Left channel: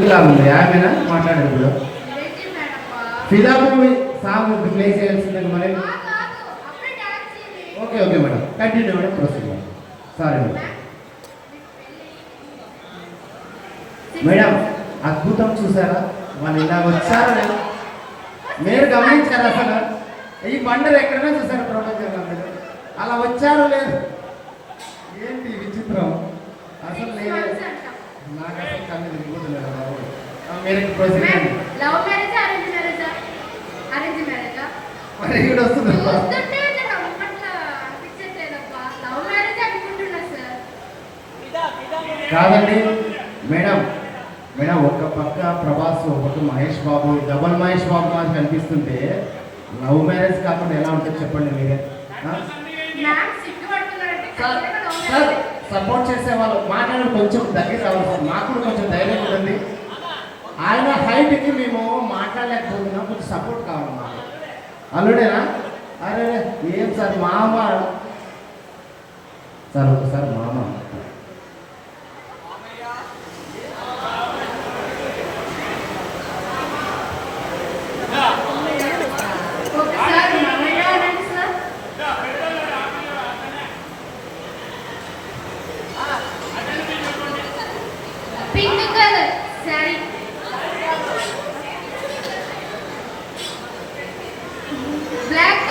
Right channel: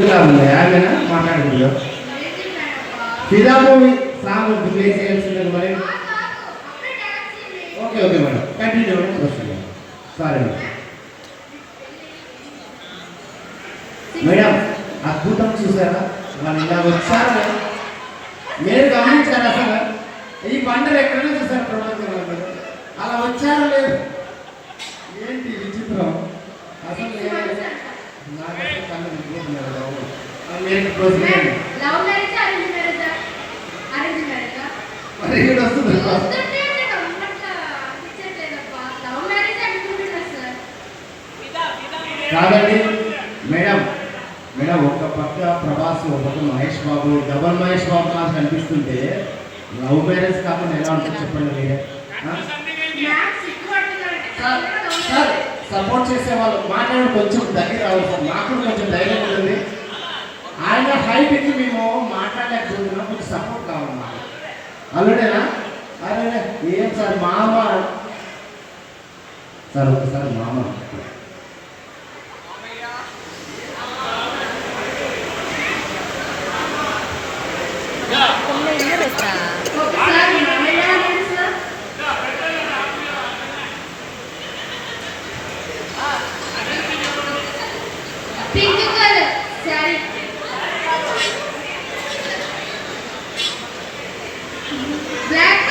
యాభైనా మాట్లాడదు ఫిదా movie song play చేయాల్సింది మరి. Okay okay madam continue madam proceed. Sorry madam అద్భుతం చూసారా వాళ్ళు ఇలా వచ్చారు మీరు గమనించారు అసలు ఈ పండుగ ఎక్కడైనా చూసారు ప్రపంచంలో మీరు అలా వచ్చారో లేదు ఏంటి విచిత్రం అసలు నాకు అసలు కళ్ళు దిగిపోతున్నారు బాబు. మీరు ప్రొసీడ్ మరి ఇక్కడ వస్తుంది కాదండి మేడం. మేడం ఒక పక్క ప్రభాస్ ఒక పక్క మహేష్ బాబు డబల్ మహేష్ బాబు మాకు కనిపిస్తుంటే లవ్ మ్యారేజ్ కాకుండా ఎలా ఉంటుంది చెప్పండి మీరే. సార్ సపోర్ట్ చేసే వాళ్ళు మాట్లాడి కొంచెం దగ్గర రావాలి సార్. మాకు కూడా కొంచెం ధైర్యం ఉంటుంది. ఆయన హైట్కి మేము మాట్లాడలేకపోతున్నాం కొంచెం సపోర్ట్ కావాలి మాకు. అల్లుడేనా అరే ఏం సార్ మామ సార్ ఒకసారి మామ పింక్ కలర్ సారీ బ్లాక్